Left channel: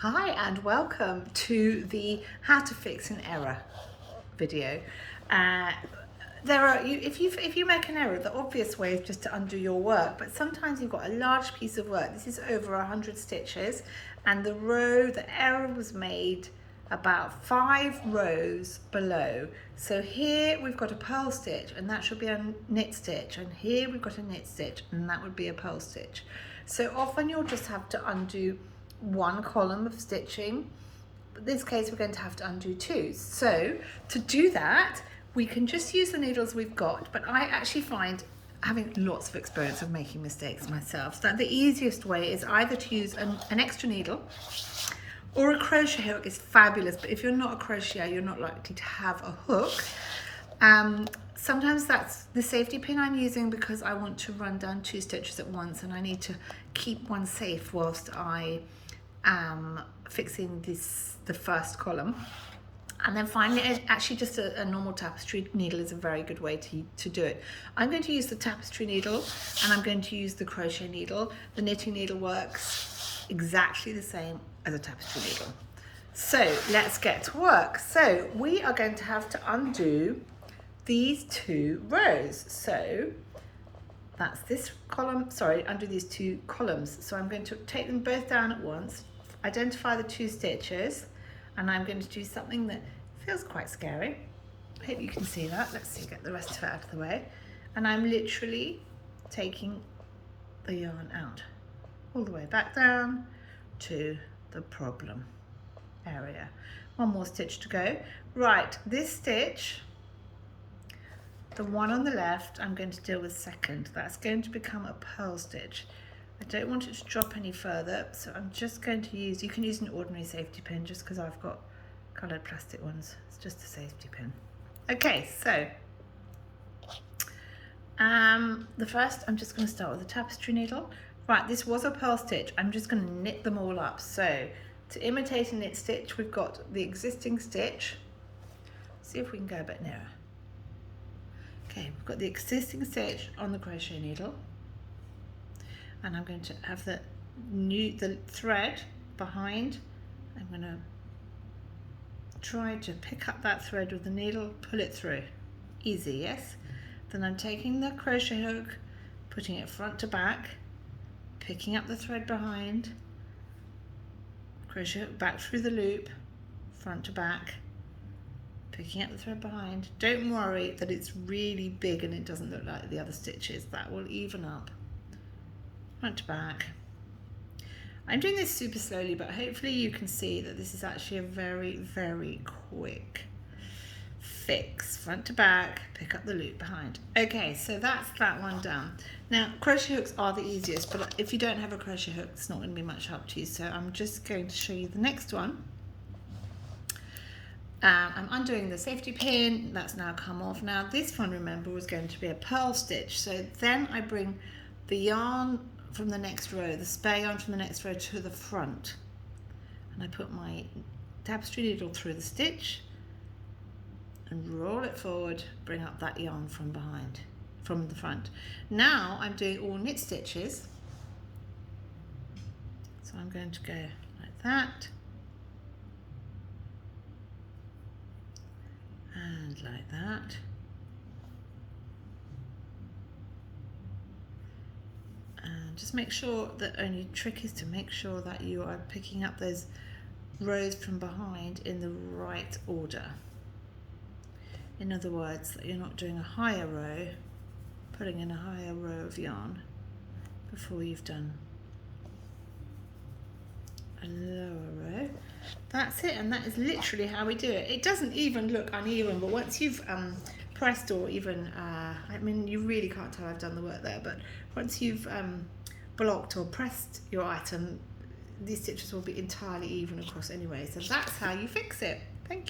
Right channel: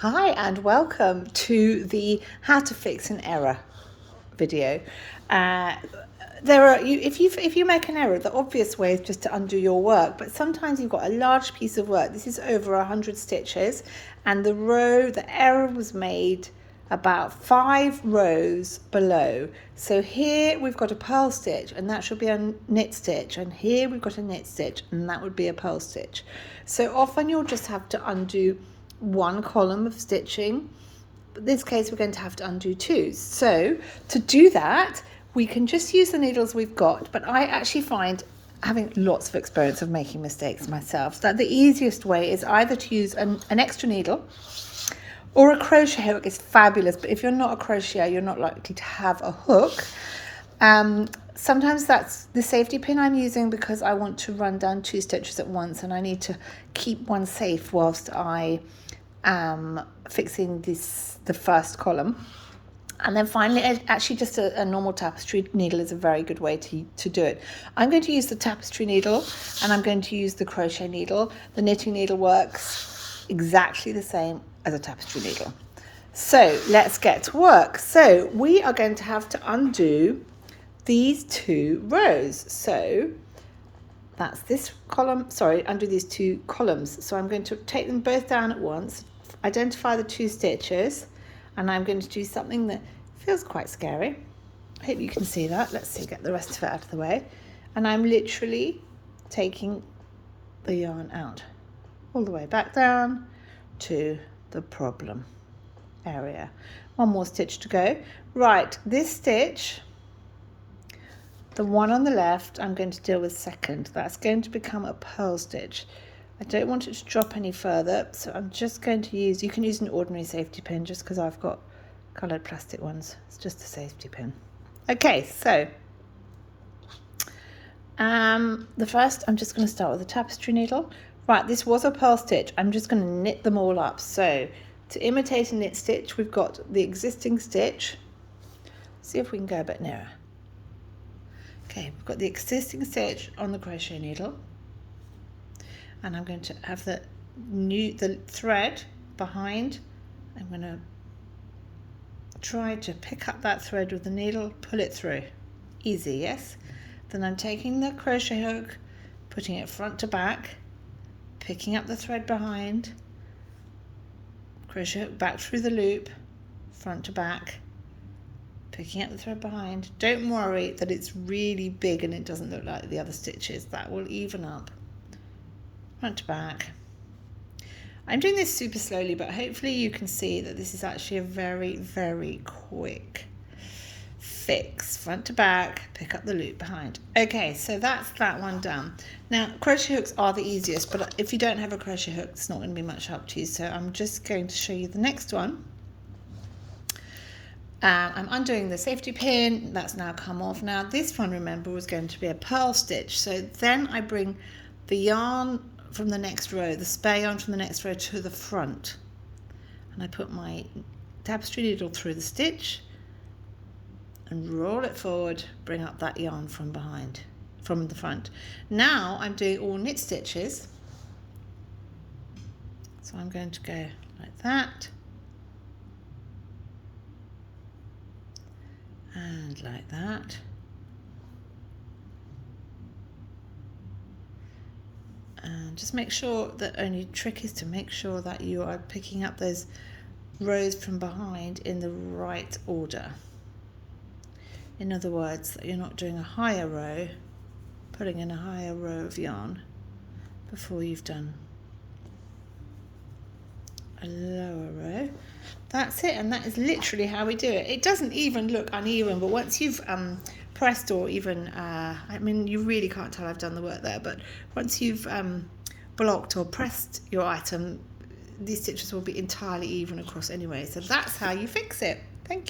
Hi and welcome to the how to fix an error video. If you make an error, the obvious way is just to undo your work, but sometimes you've got a large piece of work. This is over 100 stitches, and the error was made about 5 rows below. So here we've got a purl stitch, and that should be a knit stitch, and here we've got a knit stitch, and that would be a purl stitch. So often you'll just have to undo one column of stitching. In this case, we're going to have to undo two. So to do that, we can just use the needles we've got, but I actually find, having lots of experience of making mistakes myself, that the easiest way is either to use an extra needle, or a crochet hook is fabulous, but if you're not a crocheter, you're not likely to have a hook. Sometimes that's the safety pin I'm using because I want to run down 2 stitches at once, and I need to keep one safe whilst I am fixing the first column. And then finally, actually just a normal tapestry needle is a very good way to do it. I'm going to use the tapestry needle, and I'm going to use the crochet needle. The knitting needle works exactly the same as a tapestry needle. So let's get to work. So we are going to have to undo these 2 rows. So that's this column, undo these 2 columns. So I'm going to take them both down at once, identify the 2 stitches, and I'm going to do something that feels quite scary. I hope you can see that. Let's see, get the rest of it out of the way. And I'm literally taking the yarn out all the way back down to the problem area. One more stitch to go. Right, this stitch, the one on the left, I'm going to deal with second. That's going to become a purl stitch. I don't want it to drop any further, so I'm just going to use, you can use an ordinary safety pin just because I've got coloured plastic ones. It's just a safety pin. Okay, so the first, I'm just going to start with a tapestry needle. Right, this was a purl stitch. I'm just going to knit them all up. So to imitate a knit stitch, we've got the existing stitch. See if we can go a bit nearer. Okay, we've got the existing stitch on the crochet needle, and I'm going to have the thread behind. I'm going to try to pick up that thread with the needle, pull it through. Easy, yes? Then I'm taking the crochet hook, putting it front to back, picking up the thread behind, crochet hook back through the loop, front to back, picking up the thread behind. Don't worry that it's really big and it doesn't look like the other stitches. That will even up. Front to back. I'm doing this super slowly, but hopefully you can see that this is actually a very, very quick fix. Front to back, pick up the loop behind. Okay, so that's that one done. Now, crochet hooks are the easiest, but if you don't have a crochet hook, it's not going to be much help to you. So I'm just going to show you the next one. I'm undoing the safety pin. That's now come off. Now, this one, remember, was going to be a purl stitch. So then I bring the yarn from the next row, the spare yarn from the next row to the front, and I put my tapestry needle through the stitch and roll it forward, bring up that yarn from behind, from the front. Now I'm doing all knit stitches, so I'm going to go like that and like that. And just make sure that, only trick is to make sure that you are picking up those rows from behind in the right order. In other words, that you're not doing a higher row, putting in a higher row of yarn before you've done a lower row. That's it, and that is literally how we do it. It doesn't even look uneven, but once you've pressed, or even, I mean, you really can't tell I've done the work there, but once you've blocked or pressed your item, these stitches will be entirely even across anyway. So that's how you fix it. Thank you.